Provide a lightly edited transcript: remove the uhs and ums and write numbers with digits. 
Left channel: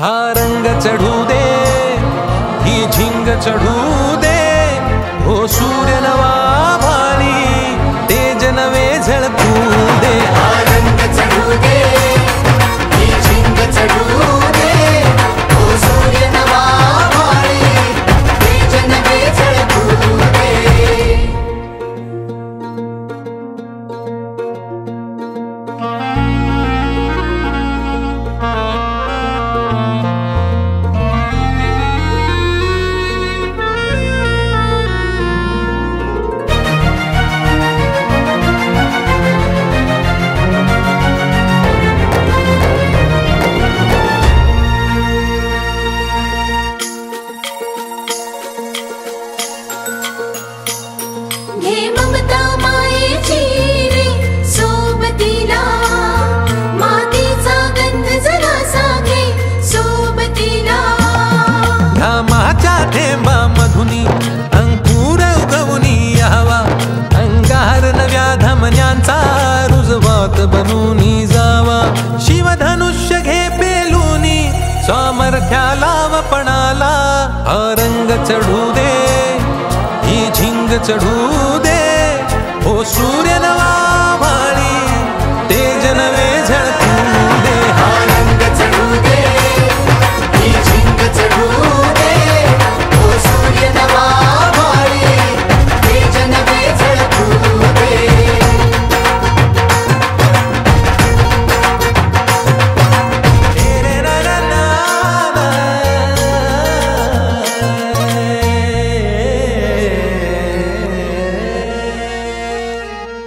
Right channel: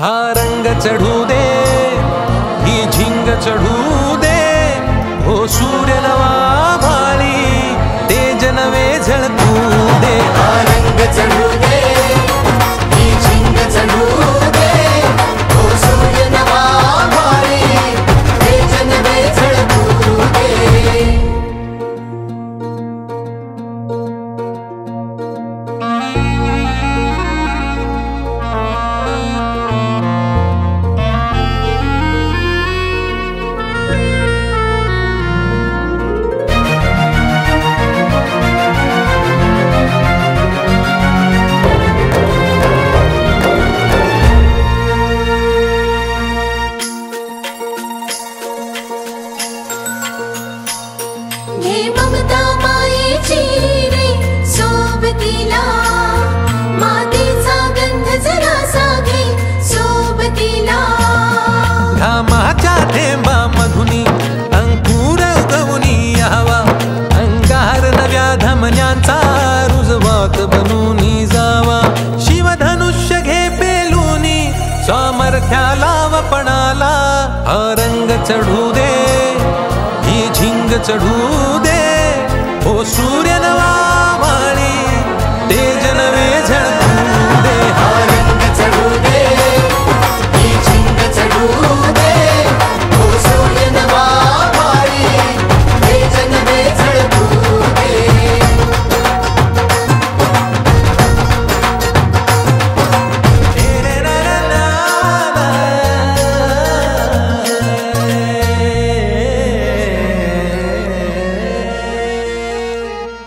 हा रंग चढू दे, ही झिंग चढू दे, हो सूर्य नवा भाळी तेज नवे झळकू दे। हा रंग चढू दे, ही झिंग चढू दे, हो सूर्य नवा भाळी तेज नवे झळकू दे। हे ममता मायेची रे सोबतीला, मातीचा गंध जरासा घे सोबतीला। घामाच्या थेंबामधुनी अंकुर उगवूनी यावा, अंगार नव्या धमन्यांचा रुजवात बनूनी जावा। शिवधनुष्य घे पेलूनी सामर्थ्याला वपणाला, हा रंग चढू दे, ही झिंग चढू दे, हो सूर्य नवा भाळी तेज नवे झळकू